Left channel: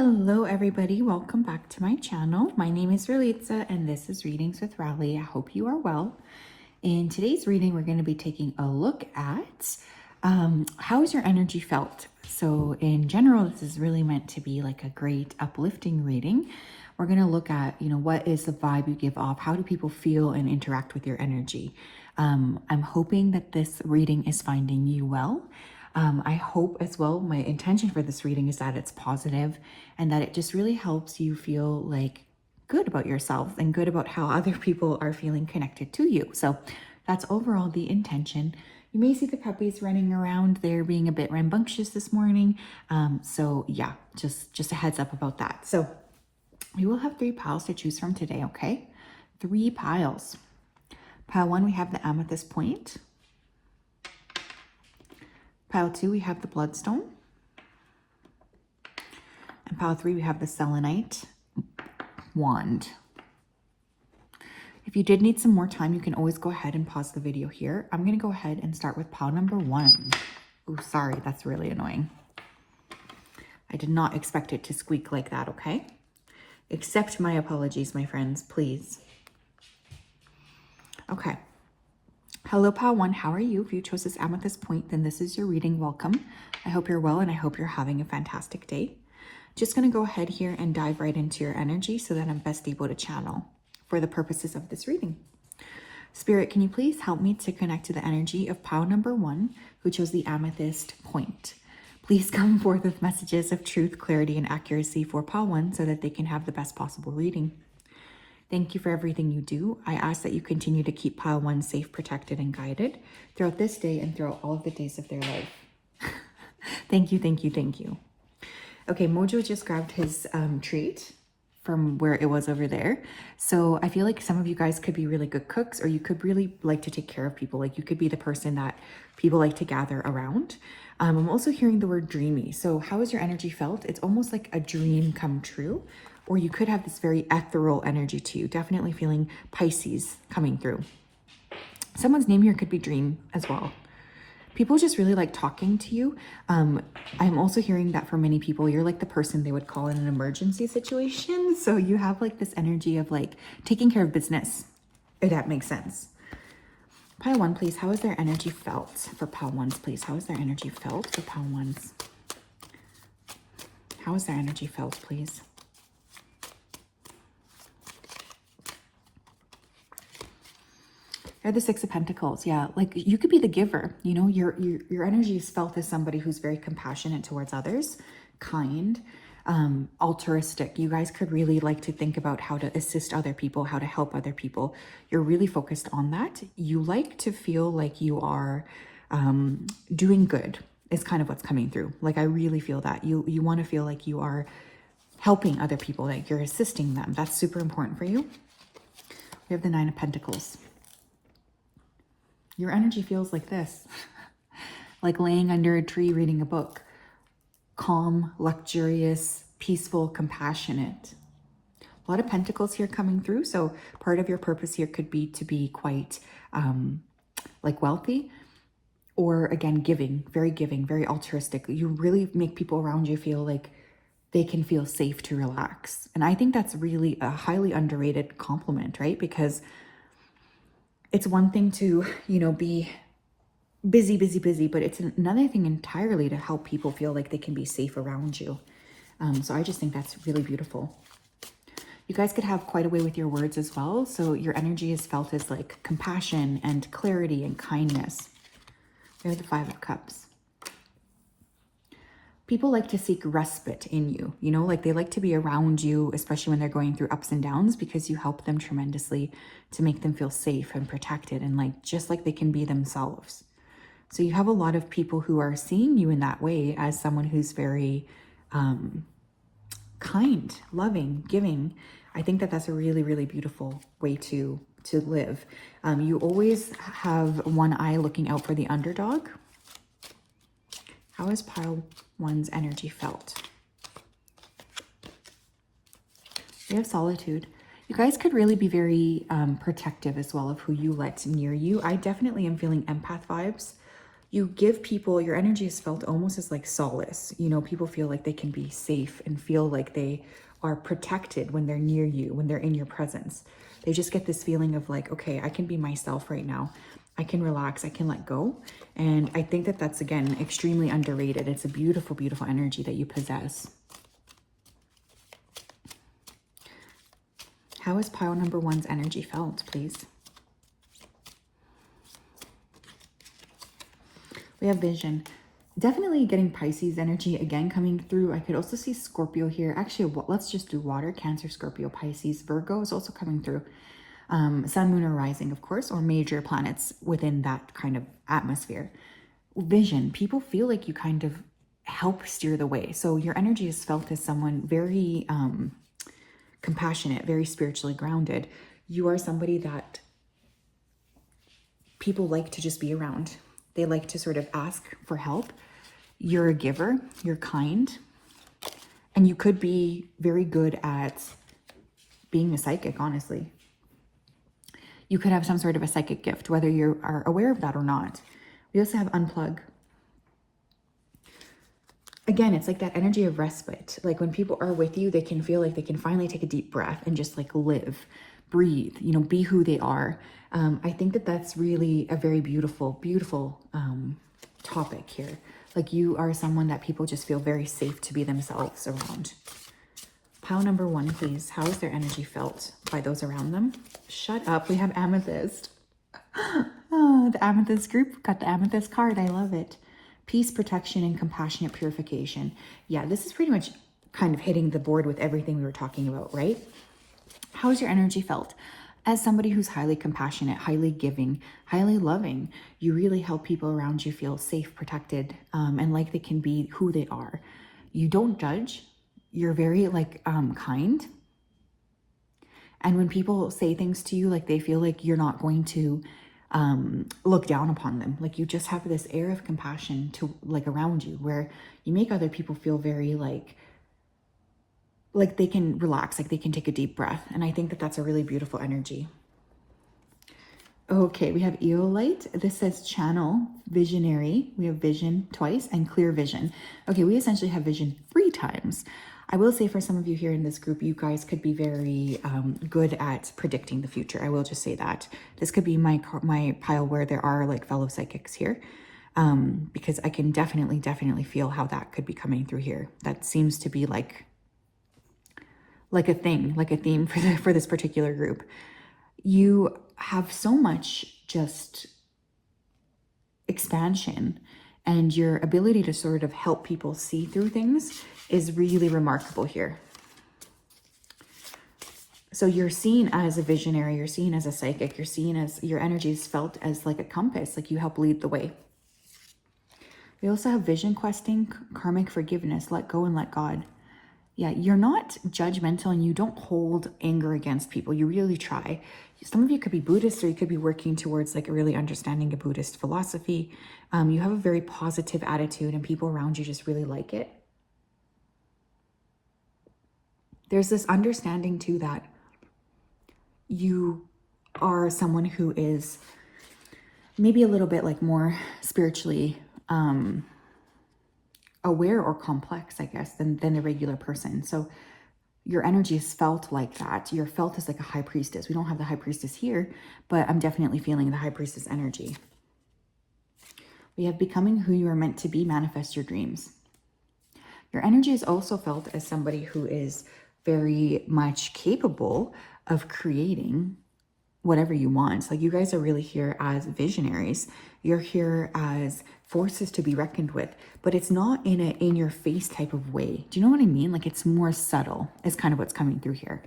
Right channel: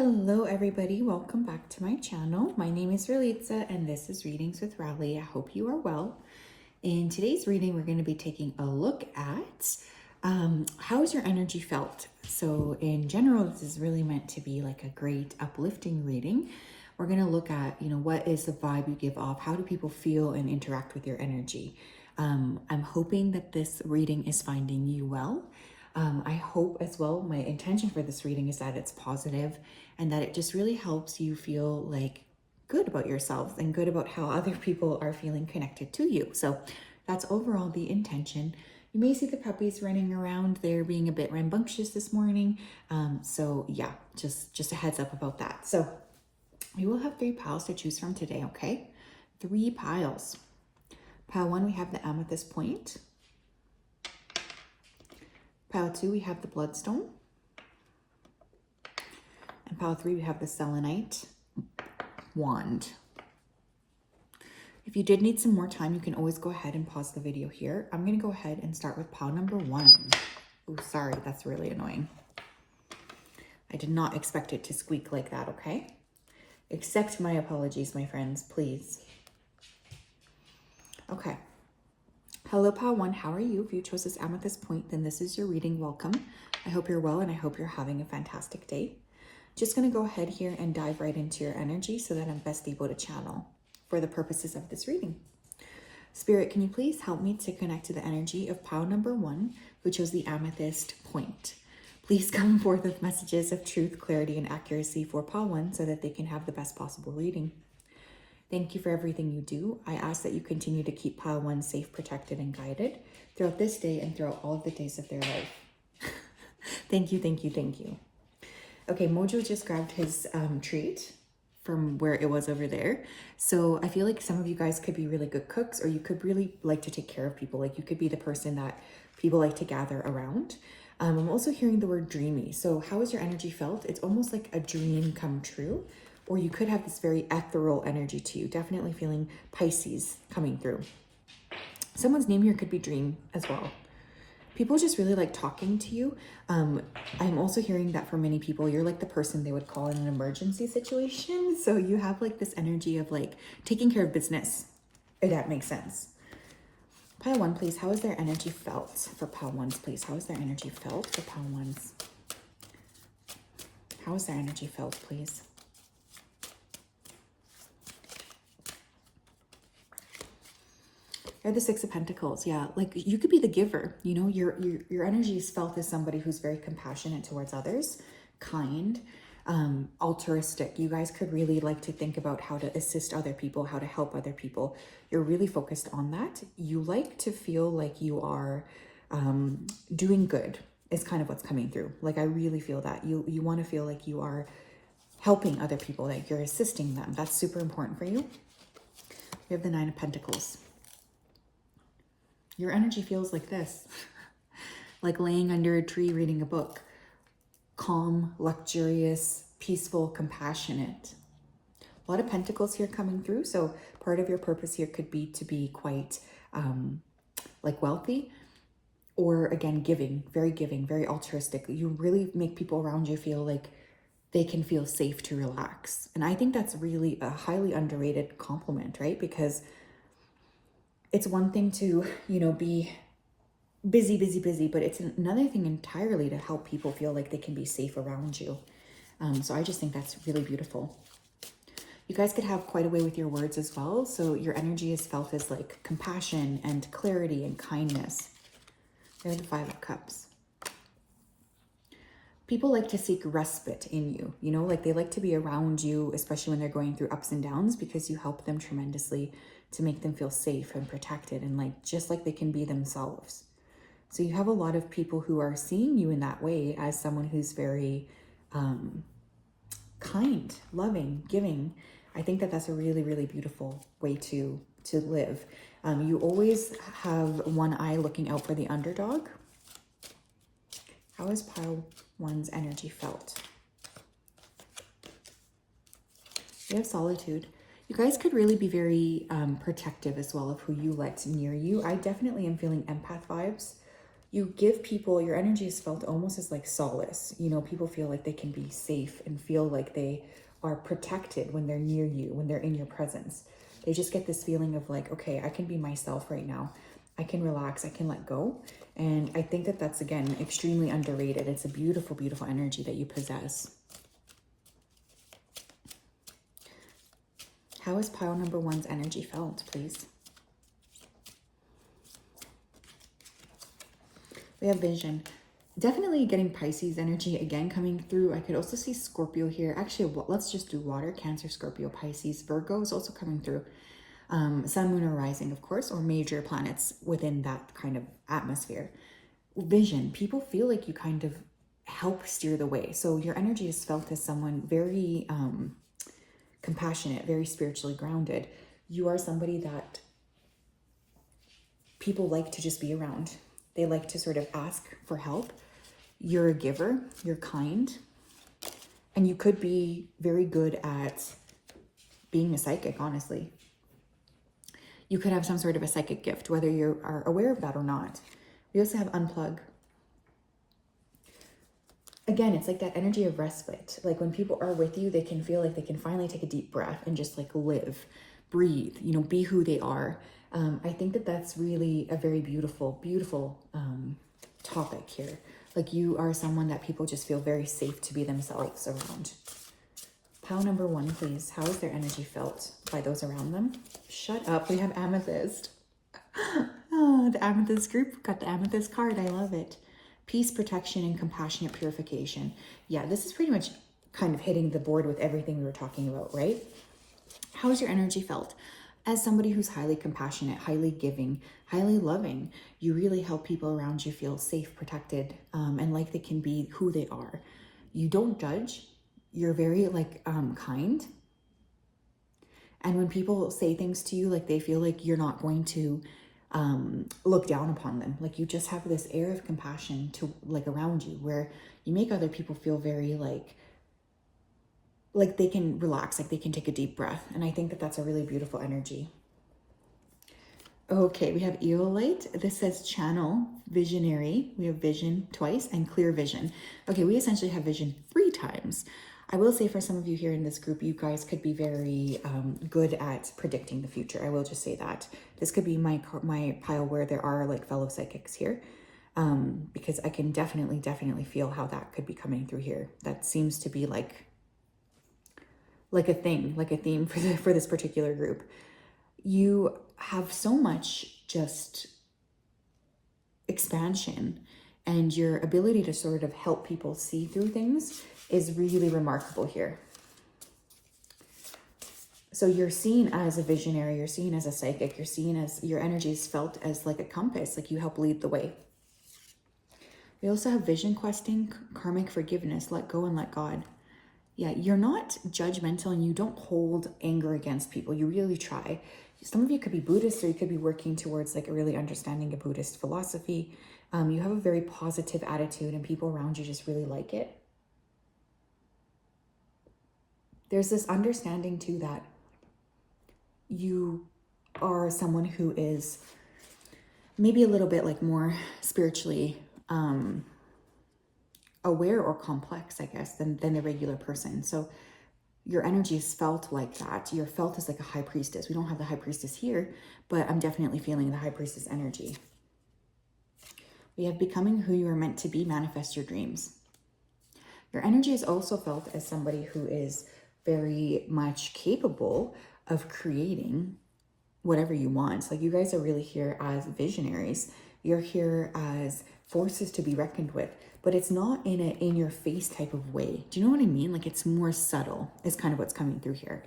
Hello everybody, welcome back to my channel. My name is Ralitza and this is Readings with Rali. I hope you are well. In today's reading, we're going to be taking a look at how is your energy felt? So in general, this is really meant to be like a great uplifting reading. We're going to look at, what is the vibe you give off? How do people feel and interact with your energy? I'm hoping that this reading is finding you well. I hope as well, my intention for this reading is that it's positive and that it just really helps you feel like good about yourself and good about how other people are feeling connected to you. So that's overall the intention. You may see the puppies running around. They're being a bit rambunctious this morning. So yeah, just a heads up about that. So we will have 3 piles to choose from today, okay? 3 piles. Pile 1, we have the amethyst point. Pile 2, we have the bloodstone. And pile 3, we have the selenite wand. If you did need some more time, you can always go ahead and pause the video here. I'm going to go ahead and start with pile number 1. Oh, sorry, that's really annoying. I did not expect it to squeak like that, okay? Accept my apologies, my friends, please. Okay. Hello, pile 1. How are you? If you chose this amethyst point, then this is your reading. Welcome. I hope you're well and I hope you're having a fantastic day. Just going to go ahead here and dive right into your energy so that I'm best able to channel for the purposes of this reading. Spirit, can you please help me to connect to the energy of pile number 1 who chose the amethyst point? Please come forth with messages of truth, clarity, and accuracy for pile 1 so that they can have the best possible reading. Thank you for everything you do. I ask that you continue to keep pile 1 safe, protected, and guided throughout this day and throughout all of the days of their life. Thank you, thank you, thank you. Okay, Mojo just grabbed his treat from where it was over there. So I feel like some of you guys could be really good cooks, or you could really like to take care of people. Like you could be the person that people like to gather around. I'm also hearing the word dreamy. So how is your energy felt? It's almost like a dream come true. Or you could have this very ethereal energy to you. Definitely feeling Pisces coming through. Someone's name here could be Dream as well. People just really like talking to you. I'm also hearing that for many people, you're like the person they would call in an emergency situation. So you have like this energy of like taking care of business, if that makes sense. Pile 1, please. How is their energy felt for pile 1s, please? How is their energy felt for pile 1s? How is their energy felt, please? You're the 6 of Pentacles. Yeah, like you could be the giver. Your energy is felt as somebody who's very compassionate towards others, kind, altruistic. You guys could really like to think about how to assist other people, how to help other people. You're really focused on that. You like to feel like you are doing good is kind of what's coming through. Like I really feel that. You want to feel like you are helping other people, like you're assisting them. That's super important for you. You have the 9 of Pentacles. Your energy feels like this, like laying under a tree reading a book. Calm, luxurious, peaceful, compassionate. A lot of pentacles here coming through. So part of your purpose here could be to be quite like wealthy, or again, giving, very altruistic. You really make people around you feel like they can feel safe to relax. And I think that's really a highly underrated compliment, right? Because it's one thing to, be busy, but it's another thing entirely to help people feel like they can be safe around you. So I just think that's really beautiful. You guys could have quite a way with your words as well. So your energy is felt as like compassion and clarity and kindness. There's the 5 of Cups. People like to seek respite in you, like they like to be around you, especially when they're going through ups and downs, because you help them tremendously to make them feel safe and protected and like just like they can be themselves. So you have a lot of people who are seeing you in that way as someone who's very kind, loving, giving. I think that that's a really, really beautiful way to live. You always have one eye looking out for the underdog. How is pile 1's energy felt? We have solitude. You guys could really be very protective as well of who you let near you. I definitely am feeling empath vibes You give people, your energy is felt almost as like solace. You know, people feel like they can be safe and feel like they are protected when they're near you, when they're in your presence. They just get this feeling of like, okay, I can be myself right now. I can relax, I can let go. And I think that that's, again, extremely underrated. It's a beautiful, beautiful energy that you possess. How is pile number 1's energy felt, please? We have vision. Definitely getting Pisces energy again coming through. I could also see Scorpio here. Actually, let's just do water. Cancer, Scorpio, Pisces, Virgo is also coming through. Sun, moon, or rising, of course, or major planets within that kind of atmosphere. Vision. People feel like you kind of help steer the way. So your energy is felt as someone very compassionate, very spiritually grounded. You are somebody that people like to just be around. They like to sort of ask for help. You're a giver, you're kind, and you could be very good at being a psychic, honestly. You could have some sort of a psychic gift, whether you are aware of that or not. We also have unplug. Again, it's like that energy of respite. Like when people are with you, they can feel like they can finally take a deep breath and just like live, breathe, you know, be who they are. I think that that's really a very beautiful, beautiful topic here. Like you are someone that people just feel very safe to be themselves around. Pile number 1, please. How is their energy felt by those around them? Shut up. We have Amethyst. Oh, the Amethyst group got the Amethyst card. I love it. Peace, protection, and compassionate purification. Yeah, this is pretty much kind of hitting the board with everything we were talking about, right? How's your energy felt? As somebody who's highly compassionate, highly giving, highly loving, you really help people around you feel safe, protected, and like they can be who they are. You don't judge. You're very like kind. And when people say things to you, like they feel like you're not going to look down upon them. Like you just have this air of compassion to like around you where you make other people feel very like they can relax, like they can take a deep breath. And I think that that's a really beautiful energy. Okay, we have Eolite. This says channel, visionary. We have vision twice and clear vision. Okay, we essentially have vision 3 times. I will say for some of you here in this group, you guys could be very good at predicting the future. I will just say that. This could be my pile where there are like fellow psychics here, because I can definitely feel how that could be coming through here. That seems to be like a thing, like a theme for this particular group. You have so much just expansion, and your ability to sort of help people see through things is really remarkable here. So you're seen as a visionary, you're seen as a psychic, you're seen as, your energy is felt as like a compass, like you help lead the way. We also have vision questing, karmic forgiveness, let go and let God. Yeah, you're not judgmental and you don't hold anger against people. You really try. Some of you could be Buddhist, or you could be working towards like really understanding a Buddhist philosophy. You have a very positive attitude and people around you just really like it. There's this understanding too that you are someone who is maybe a little bit like more spiritually aware or complex, I guess, than the regular person. So your energy is felt like that. You're felt as like a high priestess. We don't have the high priestess here, but I'm definitely feeling the high priestess energy. We have becoming who you are meant to be, manifest your dreams. Your energy is also felt as somebody who is very much capable of creating whatever you want. Like you guys are really here as visionaries. You're here as forces to be reckoned with, but it's not in a in your face type of way. Do you know what I mean? Like it's more subtle is kind of what's coming through here.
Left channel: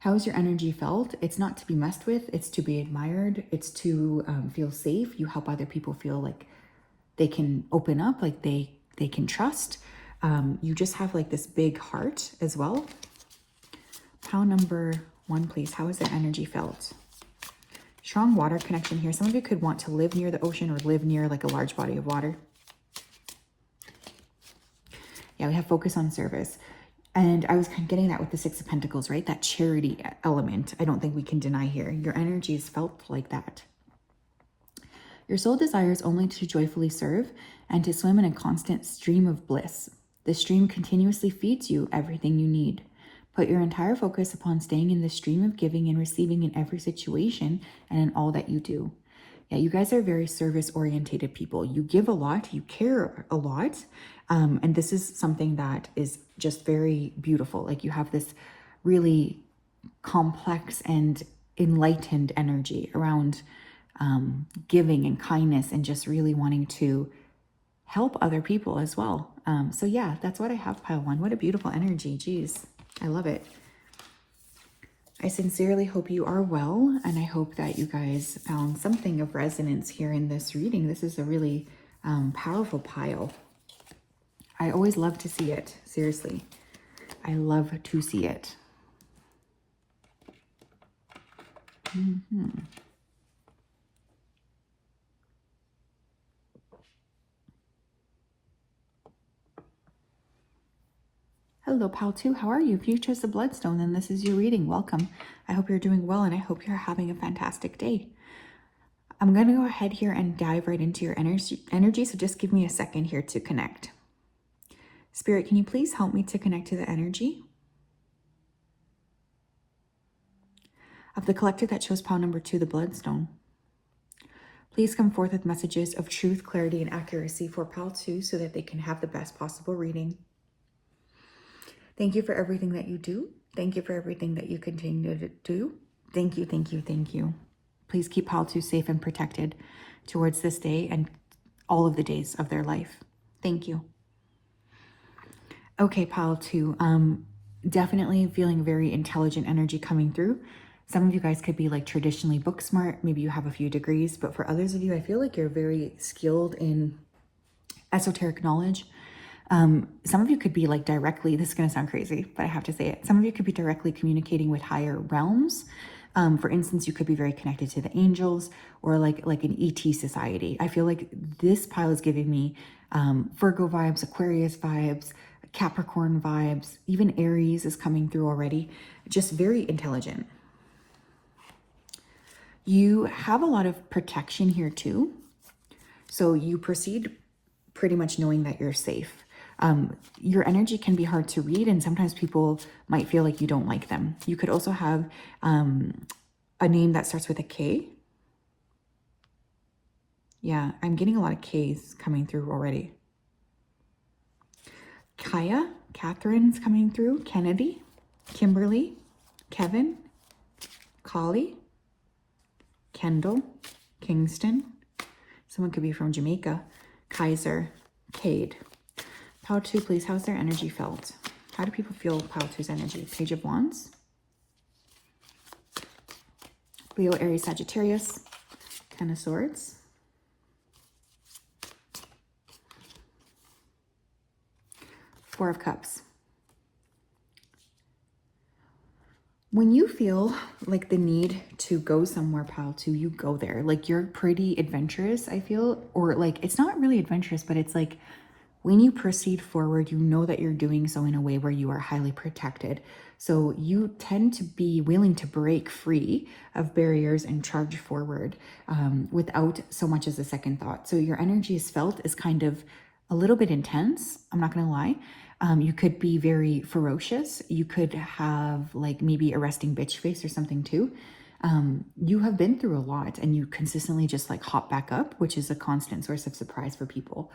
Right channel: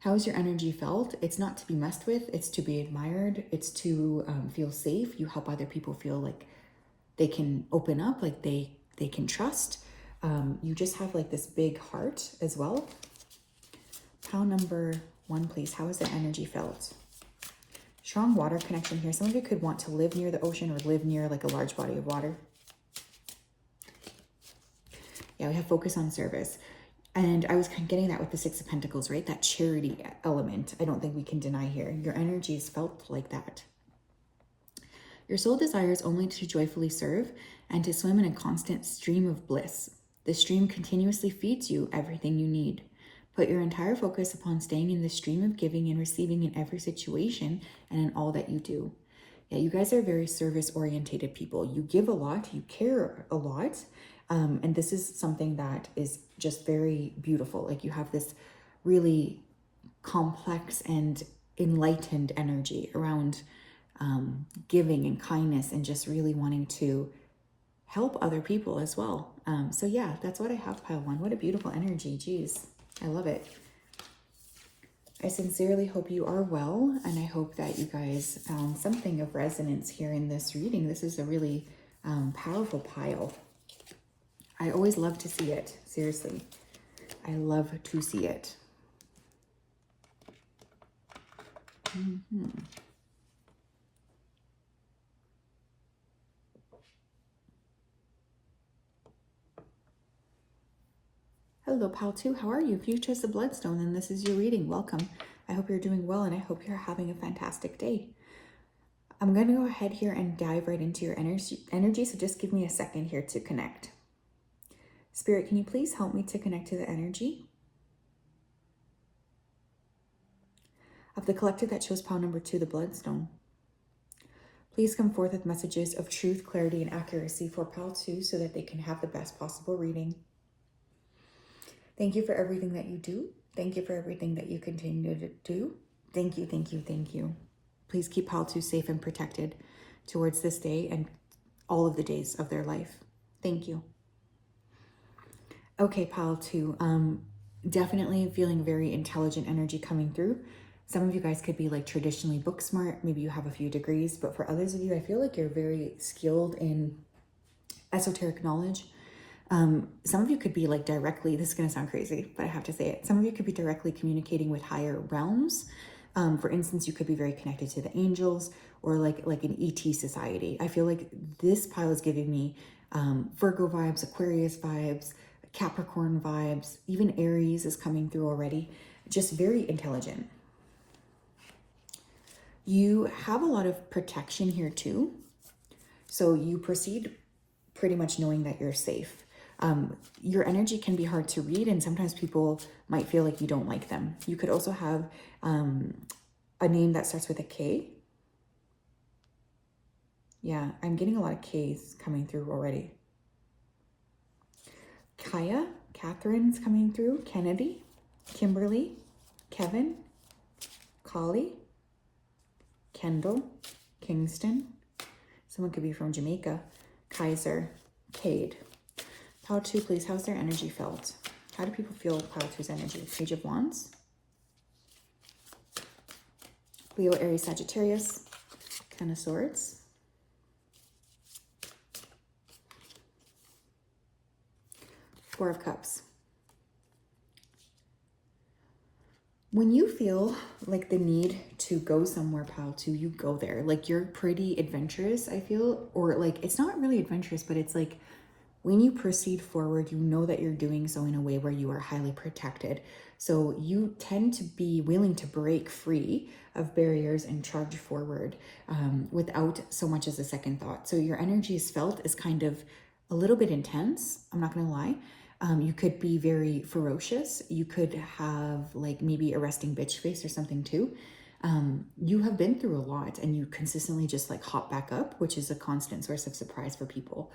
How is your energy felt? It's not to be messed with. It's to be admired. It's to feel safe. You help other people feel like they can open up, like they can trust. You just have like this big heart as well. Pile number 1, please. How is their energy felt? Strong water connection here. Some of you could want to live near the ocean or live near like a large body of water. Yeah, we have focus on service. And I was kind of getting that with the 6 of Pentacles, right? That charity element. I don't think we can deny here. Your energy is felt like that. Your soul desires only to joyfully serve and to swim in a constant stream of bliss. This stream continuously feeds you everything you need. Put your entire focus upon staying in the stream of giving and receiving in every situation and in all that you do. Yeah, you guys are very service-oriented people. You give a lot, you care a lot, and this is something that is just very beautiful. Like you have this really complex and enlightened energy around giving and kindness and just really wanting to help other people as well. So yeah, that's what I have, pile one. What a beautiful energy. Geez, I love it. I sincerely hope you are well, and I hope that you guys found something of resonance here in this reading. This is a really powerful pile. I always love to see it. Seriously, I love to see it. Hello, pal 2. How are you? If you chose the Bloodstone, then this is your reading. Welcome. I hope you're doing well, and I hope you're having a fantastic day. I'm going to go ahead here and dive right into your energy, so just give me a second here to connect. Spirit, can you please help me to connect to the energy of the collective that chose pile number 2, the Bloodstone? Please come forth with messages of truth, clarity, and accuracy for pile 2 so that they can have the best possible reading. Thank you for everything that you do. Thank you for everything that you continue to do. Thank you, thank you, thank you. Please keep pile 2 safe and protected towards this day and all of the days of their life. Thank you. Okay, pile 2. Definitely feeling very intelligent energy coming through. Some of you guys could be like traditionally book smart. Maybe you have a few degrees, but for others of you, I feel like you're very skilled in esoteric knowledge. Some of you could be like directly, this is going to sound crazy, but I have to say it. Some of you could be directly communicating with higher realms. For instance, you could be very connected to the angels or like an ET society. I feel like this pile is giving me Virgo vibes, Aquarius vibes, Capricorn vibes, even Aries is coming through already. Just very intelligent. You have a lot of protection here too. So you proceed pretty much knowing that you're safe. Your energy can be hard to read, and sometimes people might feel like you don't like them. You could also have a name that starts with a K. Yeah, I'm getting a lot of Ks coming through already. Kaya, Catherine's coming through, Kennedy, Kimberly, Kevin, Collie, Kendall, Kingston. Someone could be from Jamaica, Kaiser, Cade. Pile 2, please. How's their energy felt? How do people feel pile 2's energy? Page of Wands. Leo, Aries, Sagittarius. 10 of Swords. Four of Cups. When you feel like the need to go somewhere, pile 2, you go there. Like you're pretty adventurous, I feel. Or like, it's not really adventurous, but it's like, when you proceed forward, you know that you're doing so in a way where you are highly protected. So you tend to be willing to break free of barriers and charge forward without so much as a second thought. So your energy is felt as kind of a little bit intense. I'm not going to lie. You could be very ferocious. You could have like maybe a resting bitch face or something too. You have been through a lot and you consistently just like hop back up, which is a constant source of surprise for people.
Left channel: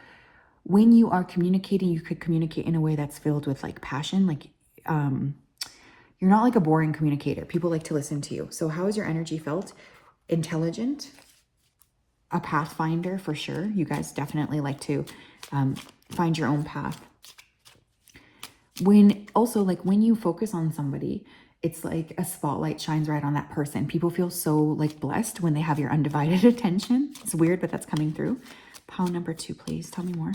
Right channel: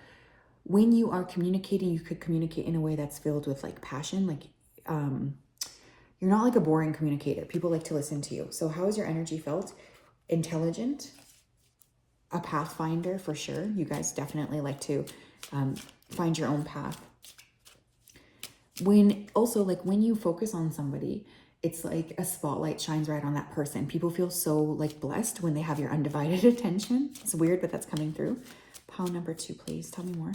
When you are communicating, you could communicate in a way that's filled with like passion. Like you're not like a boring communicator. People like to listen to you. So how is your energy felt? Intelligent, a pathfinder for sure. You guys definitely like to find your own path. When you focus on somebody, it's like a spotlight shines right on that person. People feel so like blessed when they have your undivided attention. It's weird, but that's coming through. Pile number 2, please. Tell me more.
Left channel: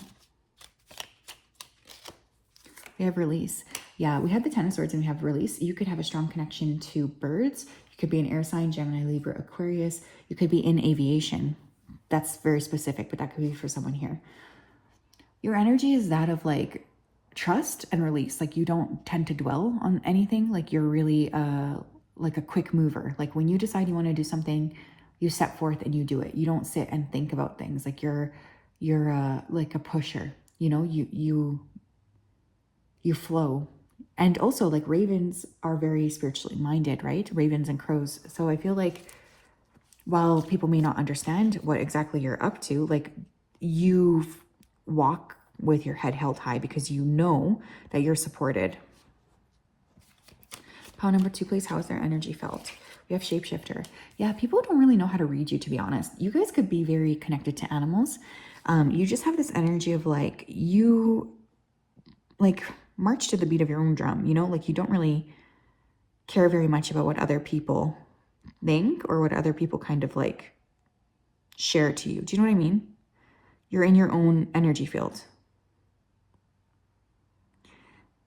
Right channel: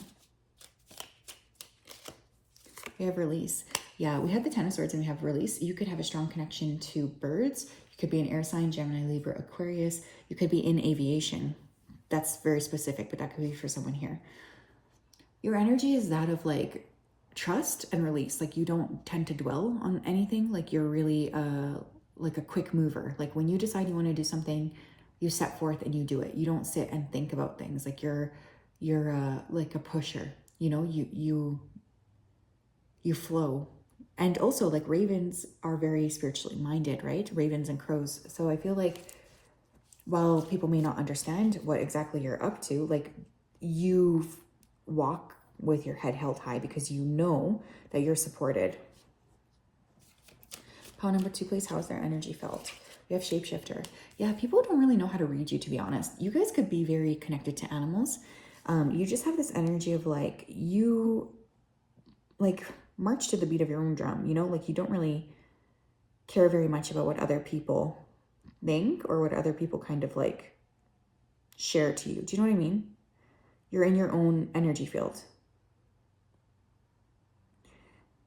We have release. Yeah, we have the 10 of Swords and we have release. You could have a strong connection to birds. You could be an air sign, Gemini, Libra, Aquarius. You could be in aviation. That's very specific, but that could be for someone here. Your energy is that of like trust and release. Like you don't tend to dwell on anything. Like you're really like a quick mover. Like when you decide you want to do something, You step forth and you do it. You don't sit and think about things. Like you're like a pusher, you know, you flow. And also, like, ravens are very spiritually minded, right? Ravens and crows. So I feel like while people may not understand what exactly you're up to, like, you walk with your head held high because you know that you're supported. Pile number 2, please. How is their energy felt? We have shapeshifter. Yeah, people don't really know how to read you, to be honest. You guys could be very connected to animals. You just have this energy of like, you like march to the beat of your own drum, you know, like you don't really care very much about what other people think or what other people kind of like share to you. Do you know what I mean? You're in your own energy field.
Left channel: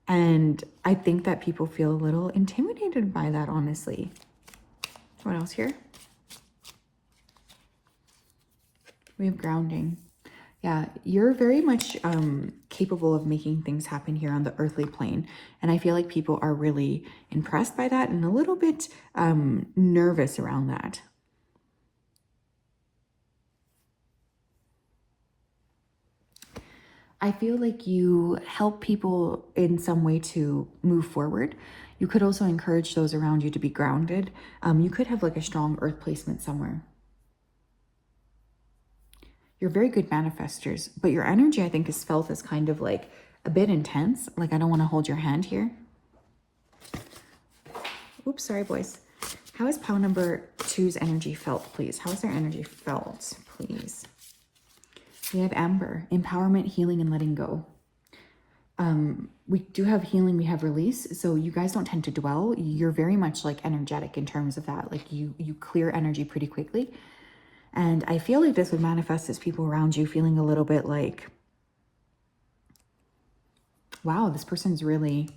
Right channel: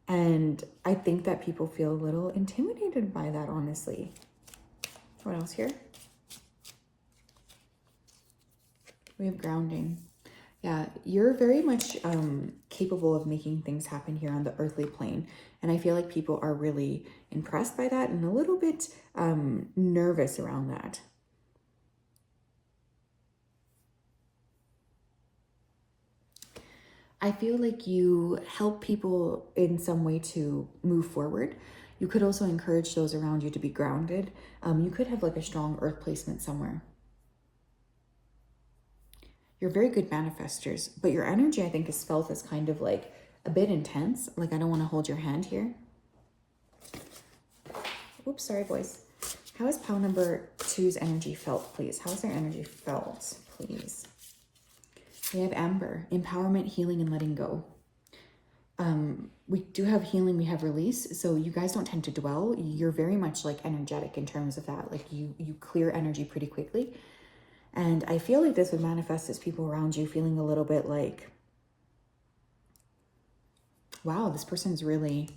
And I think that people feel a little intimidated by that, honestly. What else here? We have grounding. Yeah, you're very much capable of making things happen here on the earthly plane. And I feel like people are really impressed by that and a little bit nervous around that. I feel like you help people in some way to move forward. You could also encourage those around you to be grounded. You could have like a strong earth placement somewhere. You're very good manifestors, but your energy, I think, is felt as kind of like a bit intense. Like, I don't want to hold your hand here. Oops, sorry, boys. How is pile number 2's energy felt, please? How is their energy felt, please? We have amber, empowerment, healing, and letting go. We do have healing, we have release. So you guys don't tend to dwell. You're very much like energetic in terms of that. Like you clear energy pretty quickly. And I feel like this would manifest as people around you feeling a little bit like, wow, this person's really,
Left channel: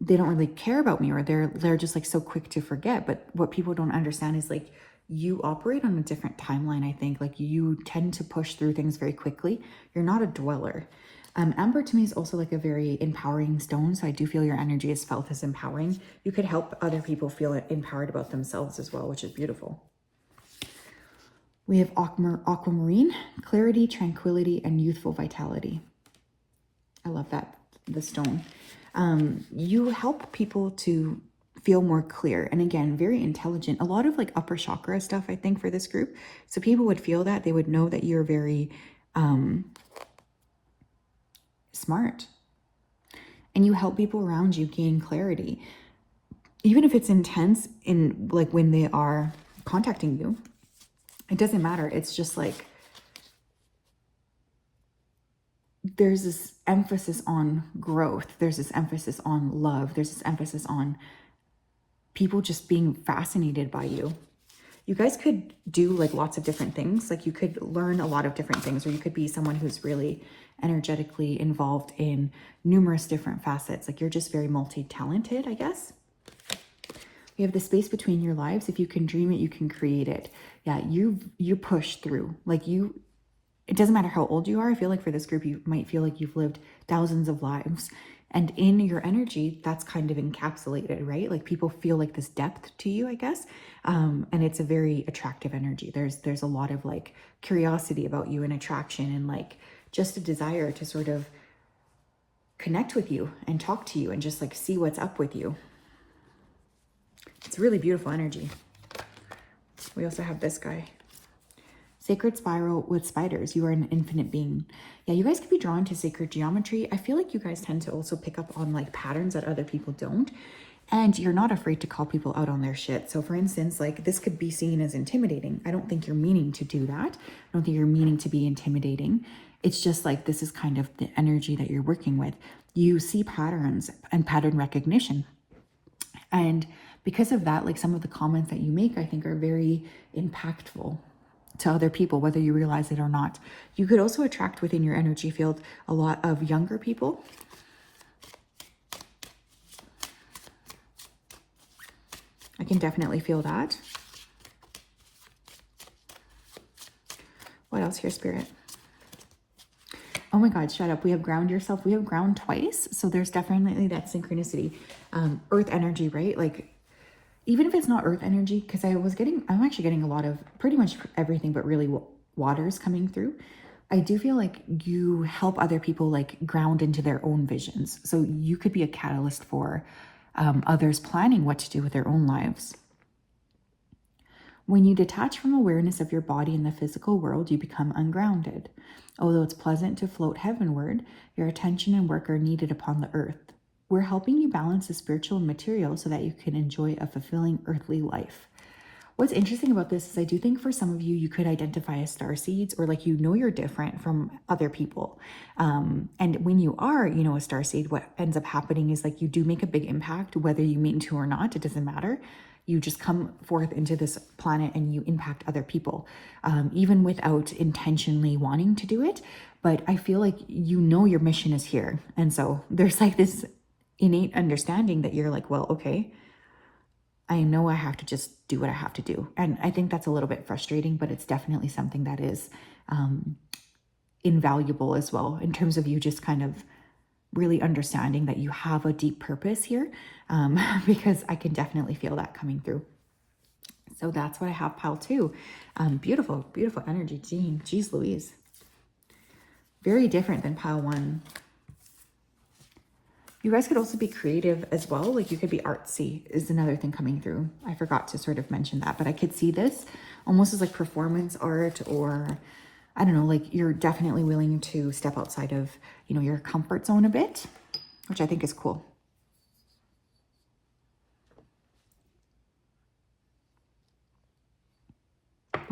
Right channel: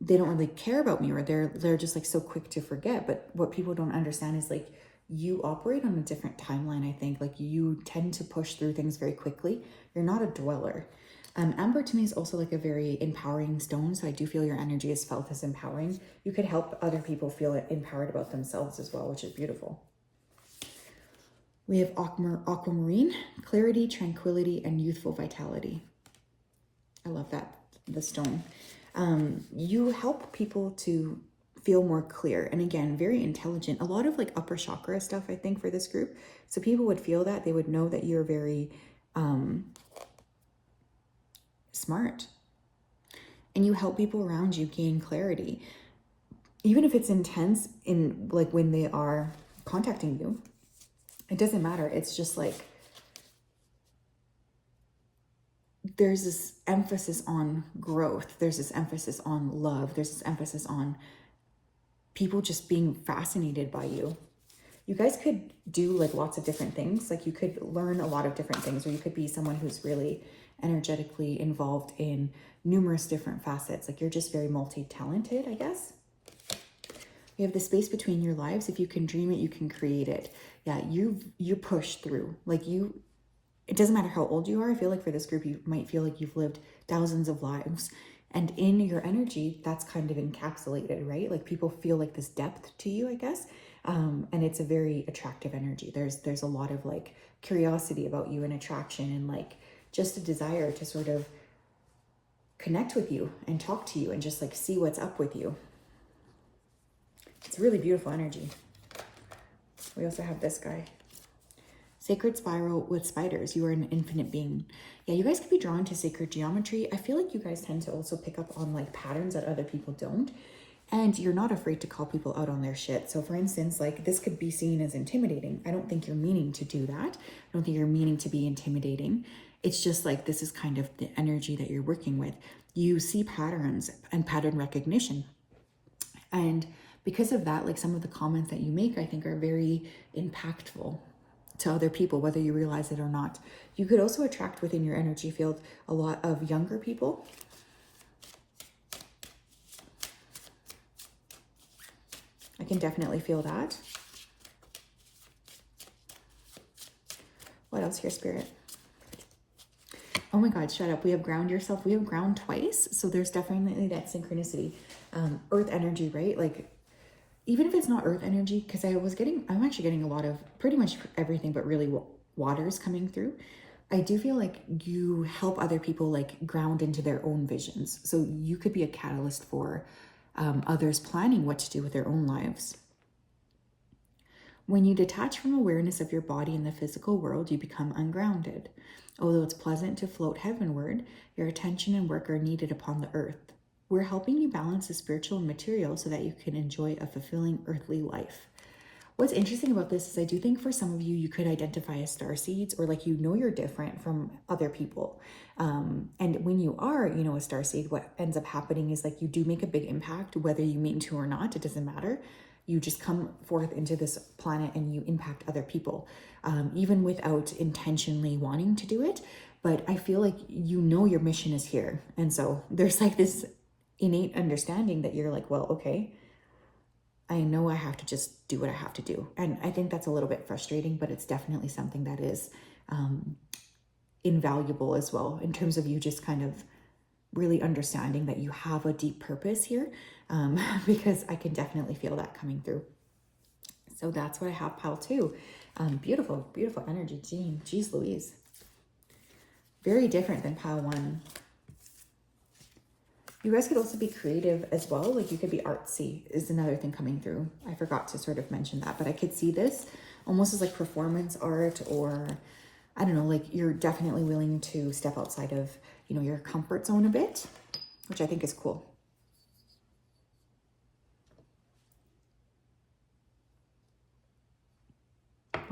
they don't really care about me, or they're just like so quick to forget. But what people don't understand is like, you operate on a different timeline, I think. Like you tend to push through things very quickly. You're not a dweller. Amber to me is also like a very empowering stone. So I do feel your energy is felt as empowering. You could help other people feel empowered about themselves as well, which is beautiful. We have aquamarine, clarity, tranquility, and youthful vitality. I love that, the stone. You help people to feel more clear. And again, very intelligent. A lot of like upper chakra stuff, I think, for this group. So people would feel that. They would know that you're very smart. And you help people around you gain clarity. Even if it's intense in like when they are contacting you. It doesn't matter. It's just like, there's this emphasis on growth. There's this emphasis on love. There's this emphasis on people just being fascinated by you. You guys could do like lots of different things. Like you could learn a lot of different things, or you could be someone who's really energetically involved in numerous different facets. Like you're just very multi-talented, I guess. We have the space between your lives. If you can dream it, you can create it. Yeah, you push through. Like it doesn't matter how old you are. I feel like for this group, you might feel like you've lived thousands of lives. And in your energy, that's kind of encapsulated, right? Like people feel like this depth to you, I guess. And it's a very attractive energy. There's a lot of like curiosity about you and attraction and like just a desire to sort of connect with you and talk to you and just like see what's up with you. It's really beautiful energy. We also have this guy. Sacred spiral with spiders. You are an infinite being. Yeah, you guys could be drawn to sacred geometry. I feel like you guys tend to also pick up on like patterns that other people don't. And you're not afraid to call people out on their shit. So for instance, like this could be seen as intimidating. I don't think you're meaning to do that. I don't think you're meaning to be intimidating. It's just like, this is kind of the energy that you're working with. You see patterns and pattern recognition. And because of that, like some of the comments that you make, I think are very impactful to other people, whether you realize it or not. You could also attract within your energy field a lot of younger people. I can definitely feel that. What else here, Spirit? Oh my God, shut up. We have ground yourself. We have ground twice. So there's definitely that synchronicity. Earth energy, right? Like even if it's not earth energy, because I'm actually getting a lot of pretty much everything, but really waters coming through. I do feel like you help other people like ground into their own visions. So you could be a catalyst for others planning what to do with their own lives. When you detach from awareness of your body in the physical world, you become ungrounded. Although it's pleasant to float heavenward, your attention and work are needed upon the earth. We're helping you balance the spiritual and material so that you can enjoy a fulfilling earthly life. What's interesting about this is I do think for some of you, you could identify as starseeds, or like, you're different from other people. And when you are, a starseed, what ends up happening is like you do make a big impact, whether you mean to or not, it doesn't matter. You just come forth into this planet and you impact other people, even without intentionally wanting to do it. But I feel like your mission is here. And so there's like this innate understanding that you're like, well, okay, I know I have to just do what I have to do. And I think that's a little bit frustrating, but it's definitely something that is invaluable as well, in terms of you just kind of really understanding that you have a deep purpose here, because I can definitely feel that coming through. So that's what I have, pile 2. Beautiful, beautiful energy, Jean. Jeez Louise. Very different than pile 1. You guys could also be creative as well. Like, you could be artsy is another thing coming through. I forgot to sort of mention that, but I could see this almost as like performance art, or I don't know, like you're definitely willing to step outside of, your comfort zone a bit, which I think is cool.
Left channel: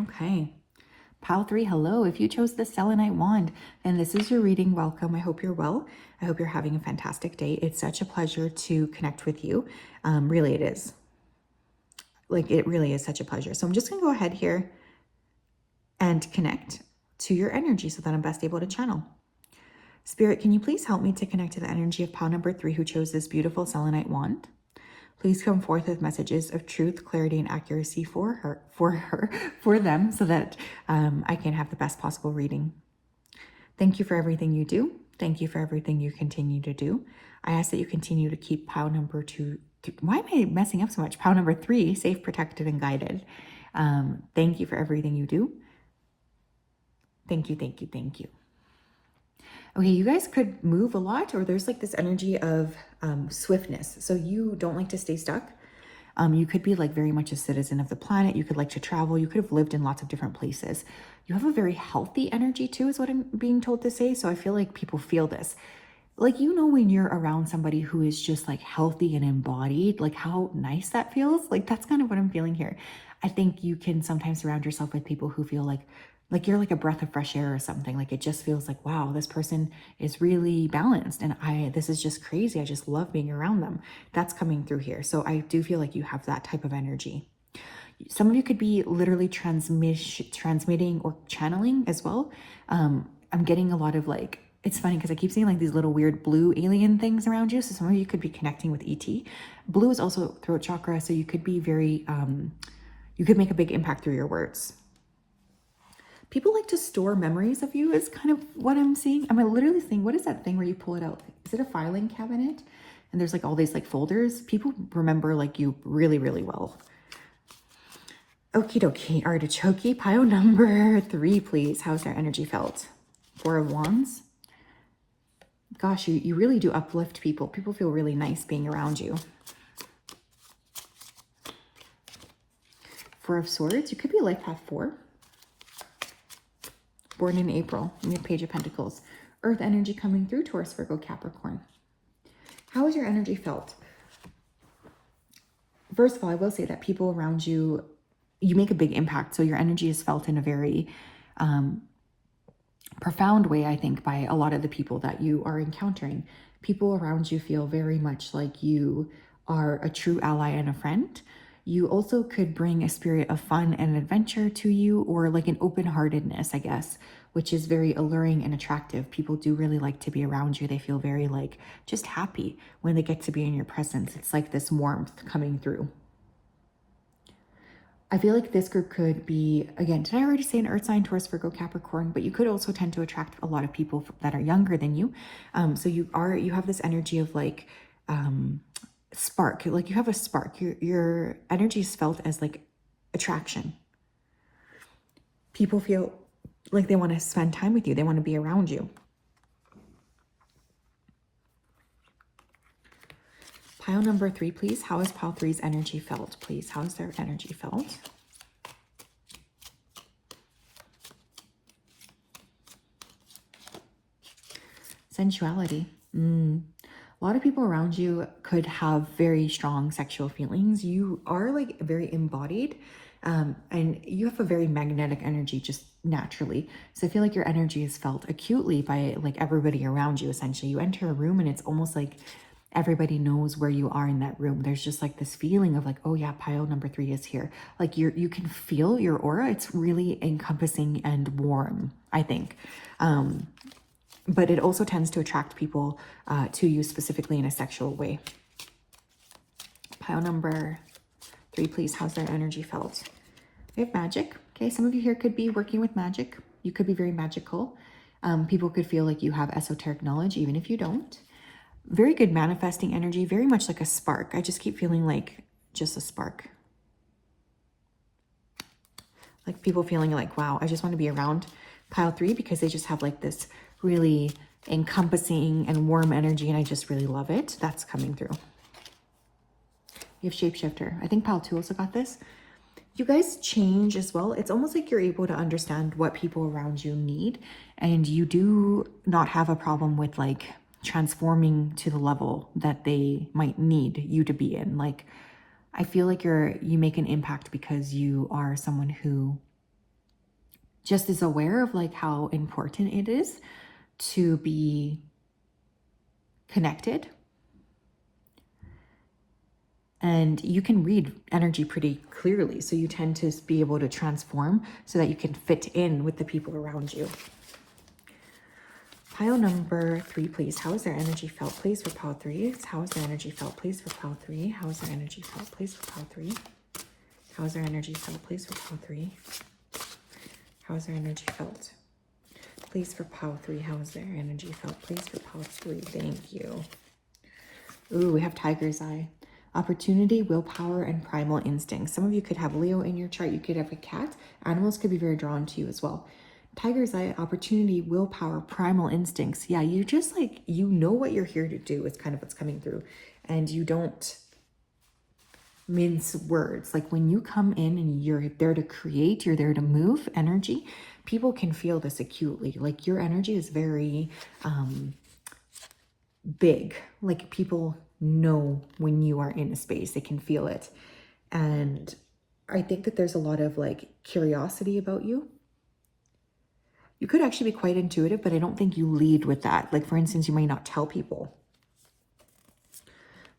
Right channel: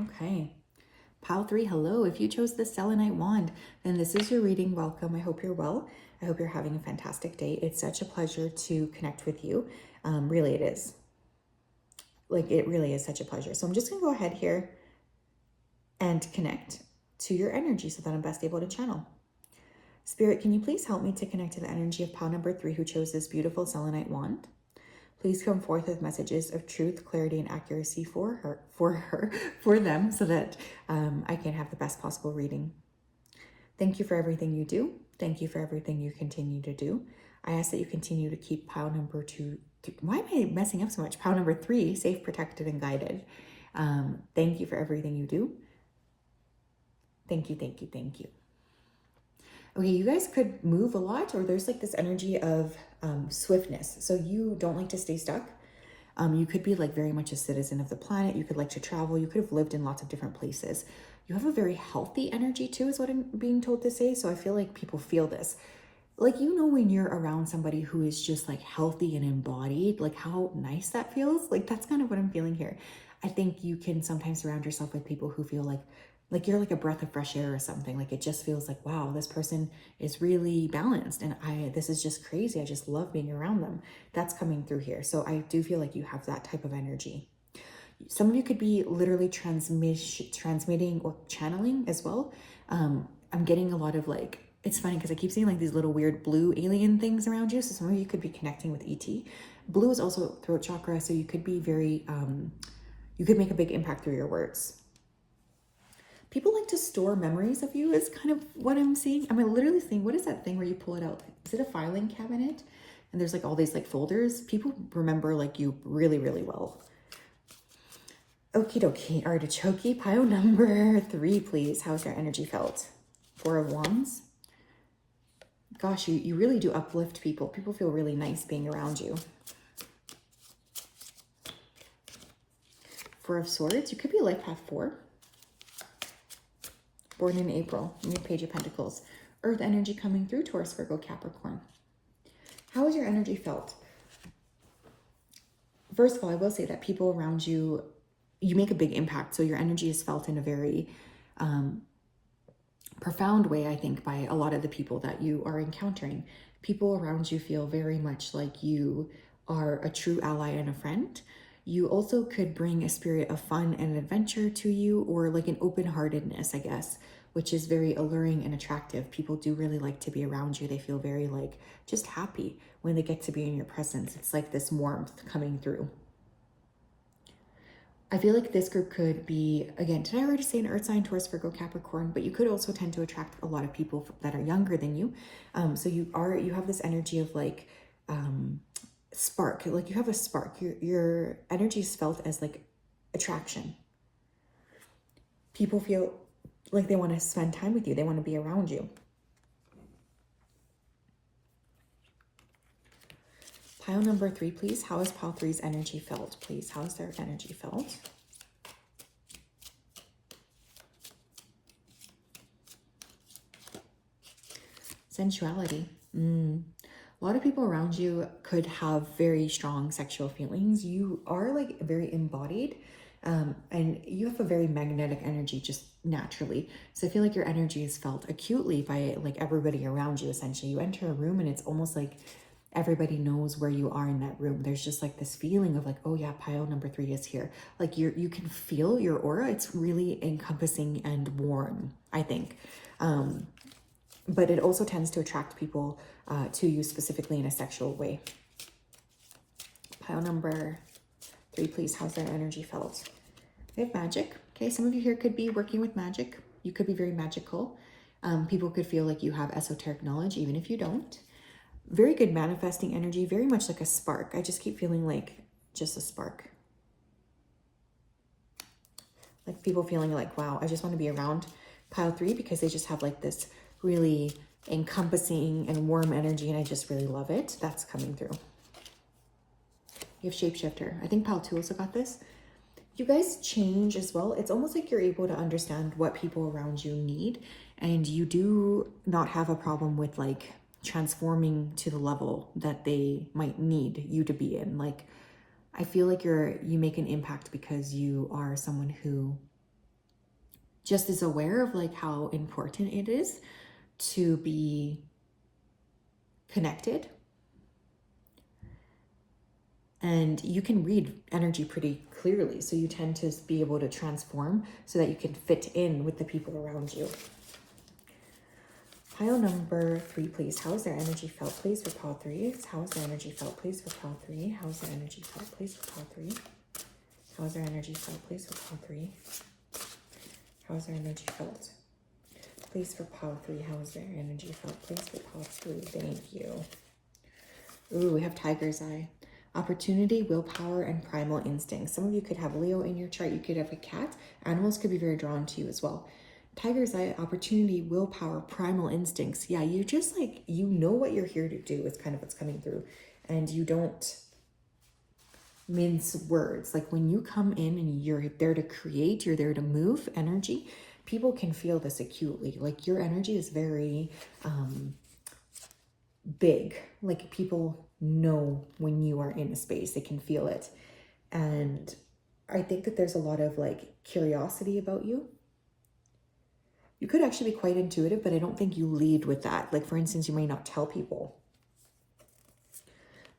Okay. Pile 3, hello. If you chose the selenite wand, then this is your reading. Welcome. I hope you're well. I hope you're having a fantastic day. It's such a pleasure to connect with you. Really, it is. Like, it really is such a pleasure. So I'm just going to go ahead here and connect to your energy so that I'm best able to channel. Spirit, can you please help me to connect to the energy of pile number 3 who chose this beautiful selenite wand? Please come forth with messages of truth, clarity, and accuracy for them, so that I can have the best possible reading. Thank you for everything you do. Thank you for everything you continue to do. I ask that you continue to keep pile number 2. Why am I messing up so much? Pile number 3 safe, protected, and guided. Thank you for everything you do. Thank you, thank you, thank you. Okay, you guys could move a lot, or there's like this energy of swiftness. So you don't like to stay stuck. You could be like very much a citizen of the planet. You could like to travel. You could have lived in lots of different places. You have a very healthy energy too, is what I'm being told to say. So I feel like people feel this. Like, when you're around somebody who is just like healthy and embodied, like how nice that feels. Like, that's kind of what I'm feeling here. I think you can sometimes surround yourself with people who feel like you're like a breath of fresh air or something. Like, it just feels like, wow, this person is really balanced, and this is just crazy. I just love being around them. That's coming through here. So I do feel like you have that type of energy. Some of you could be literally transmitting or channeling as well. I'm getting a lot of like, it's funny because I keep seeing like these little weird blue alien things around you. So some of you could be connecting with ET. Blue is also throat chakra. So you could be very, you could make a big impact through your words. People like to store memories of you is kind of what I'm seeing. I'm literally seeing, what is that thing where you pull it out? Is it a filing cabinet? And there's like all these like folders. People remember like you really, really well. Okie dokie, artichoke, pile number 3, please. How's their energy felt? 4 of Wands. Gosh, you really do uplift people. People feel really nice being around you. 4 of Swords. You could be a life path 4. Born in April. And your Page of Pentacles. Earth energy coming through. Taurus, Virgo, Capricorn. How has your energy felt? First of all, I will say that people around you, you make a big impact. So your energy is felt in a very profound way, I think, by a lot of the people that you are encountering. People around you feel very much like you are a true ally and a friend. You also could bring a spirit of fun and adventure to you, or like an open-heartedness, I guess, which is very alluring and attractive. People do really like to be around you. They feel very like just happy when they get to be in your presence. It's like this warmth coming through. I feel like this group could be, again, did I already say an earth sign, Taurus, Virgo, Capricorn? But you could also tend to attract a lot of people that are younger than you. So you have this energy of like spark, like you have a spark. Your energy is felt as like attraction. People feel like they want to spend time with you. They want to be around you. Pile number 3, please. How is pile 3's energy felt, please? How is their energy felt? Sensuality. A lot of people around you could have very strong sexual feelings. You are like very embodied, and you have a very magnetic energy just naturally. So I feel like your energy is felt acutely by like everybody around you. Essentially, you enter a room and it's almost like everybody knows where you are in that room. There's just like this feeling of like, oh yeah, pile number 3 is here. Like you can feel your aura. It's really encompassing and warm, I think. But it also tends to attract people to you specifically in a sexual way. Pile number 3, please. How's their energy felt? We have magic. Okay, some of you here could be working with magic. You could be very magical. People could feel like you have esoteric knowledge, even if you don't. Very good manifesting energy, very much like a spark. I just keep feeling like just a spark. Like people feeling like, wow, I just want to be around pile 3 because they just have like this really encompassing and warm energy, and I just really love it. That's coming through. You have shapeshifter. I think pile 2 also got this. You guys change as well. It's almost like you're able to understand what people around you need, and you do not have a problem with like transforming to the level that they might need you to be in. Like, I feel like you make an impact because you are someone who just is aware of like how important it is to be connected. And you can read energy pretty clearly. So you tend to be able to transform so that you can fit in with the people around you. Pile number 3, please. How is their energy felt, please, for pile 3? How is their energy felt, please, for pile 3? How is their energy felt, please, for pile 3? How is their energy felt, please, for pile 3? How is their energy felt? Please, for pile 3, how is their energy felt? Please, for pile 3. Thank you. Ooh, we have Tiger's Eye. Opportunity, willpower, and primal instincts. Some of you could have Leo in your chart. You could have a cat. Animals could be very drawn to you as well. Tiger's Eye, opportunity, willpower, primal instincts. Yeah, you just like, you know what you're here to do is kind of what's coming through. And you don't mince words. Like when you come in and you're there to create, you're there to move energy, people can feel this acutely. Like your energy is very big. Like people know when you are in a space, they can feel it. And I think that there's a lot of like curiosity about you. You could actually be quite intuitive, but I don't think you lead with that. Like for instance, you might not tell people.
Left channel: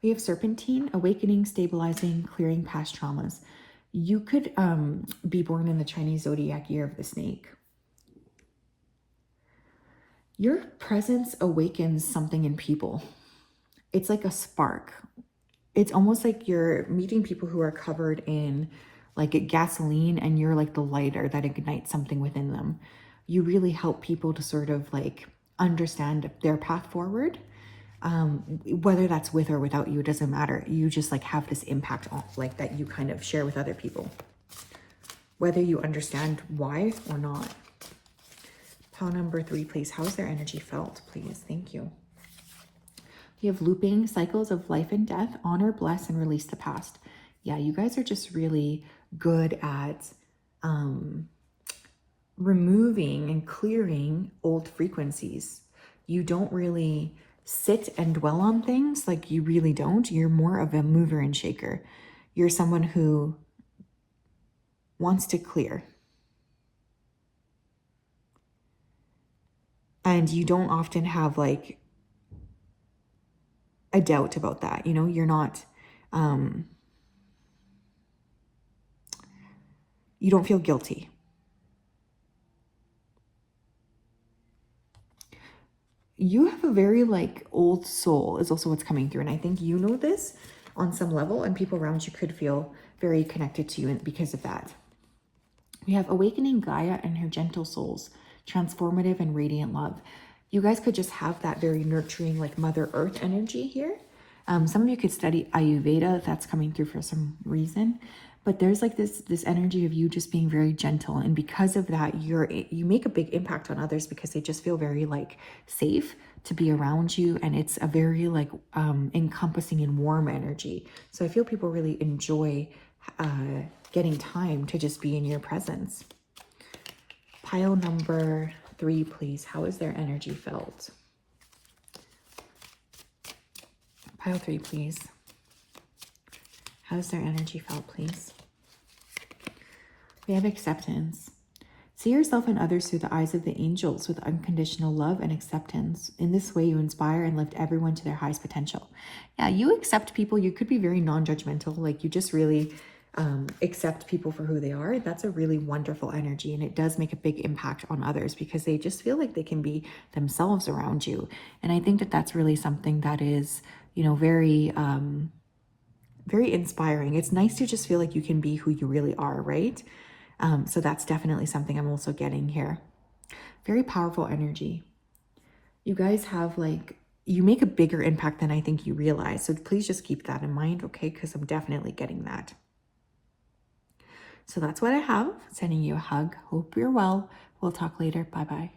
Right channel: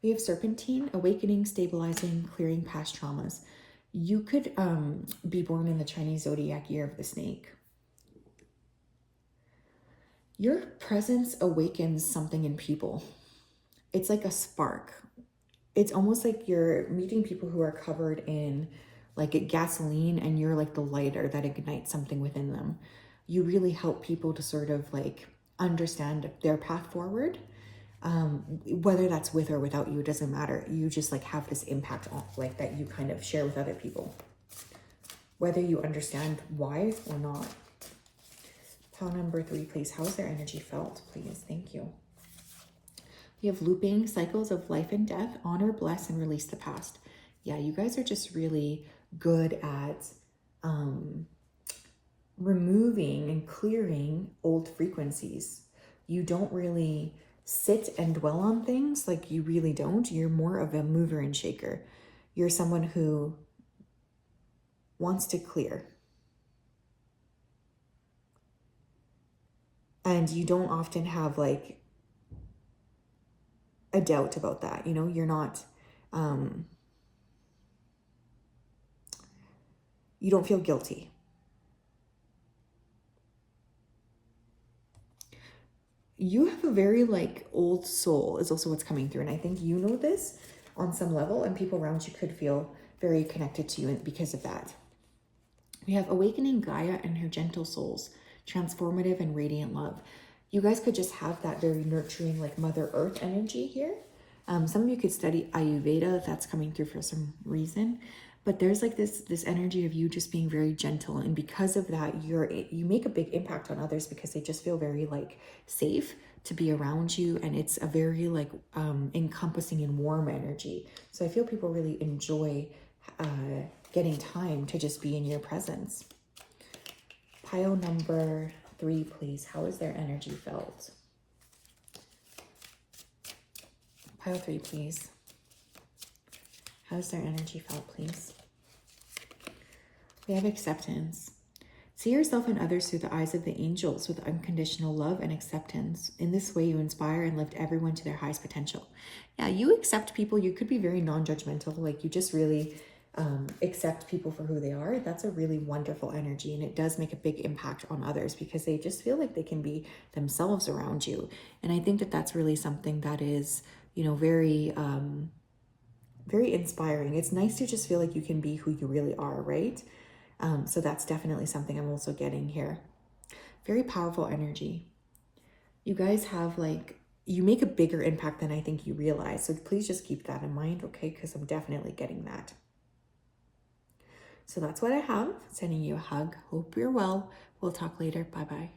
We have Serpentine, awakening, stabilizing, clearing past traumas. You could be born in the Chinese zodiac year of the snake. Your presence awakens something in people. It's like a spark. It's almost like you're meeting people who are covered in like gasoline, and you're like the lighter that ignites something within them. You really help people to sort of like understand their path forward. Whether that's with or without you, it doesn't matter. You just like have this impact on, like that you kind of share with other people, whether you understand why or not. Pile number 3, please. How is their energy felt, please? Thank you. You have looping, cycles of life and death, honor, bless, and release the past. Yeah, you guys are just really good at removing and clearing old frequencies. You don't really sit and dwell on things. Like you really don't. You're more of a mover and shaker. You're someone who wants to clear. And you don't often have like a doubt about that. You know, you're not, you don't feel guilty. You have a very like old soul is also what's coming through. And I think you know this on some level, and people around you could feel very connected to you because of that. We have awakening Gaia and her gentle souls, transformative and radiant love. You guys could just have that very nurturing like Mother Earth energy here. Some of you could study Ayurveda if that's coming through for some reason. But there's like this energy of you just being very gentle. And because of that, you make a big impact on others because they just feel very like safe to be around you. And it's a very like encompassing and warm energy. So I feel people really enjoy getting time to just be in your presence. Pile number 3, please. How is their energy felt? Pile 3, please. How is their energy felt, please? We have acceptance. See yourself and others through the eyes of the angels with unconditional love and acceptance. In this way, you inspire and lift everyone to their highest potential. Yeah, you accept people. You could be very non-judgmental. Like you just really accept people for who they are. That's a really wonderful energy. And it does make a big impact on others because they just feel like they can be themselves around you. And I think that that's really something that is, you know, very inspiring. It's nice to just feel like you can be who you really are, right? So that's definitely something I'm also getting here. Very powerful energy. You guys have like, you make a bigger impact than I think you realize. So please just keep that in mind, okay? Because I'm definitely getting that. So that's what I have. Sending you a hug. Hope you're well. We'll talk later. Bye-bye.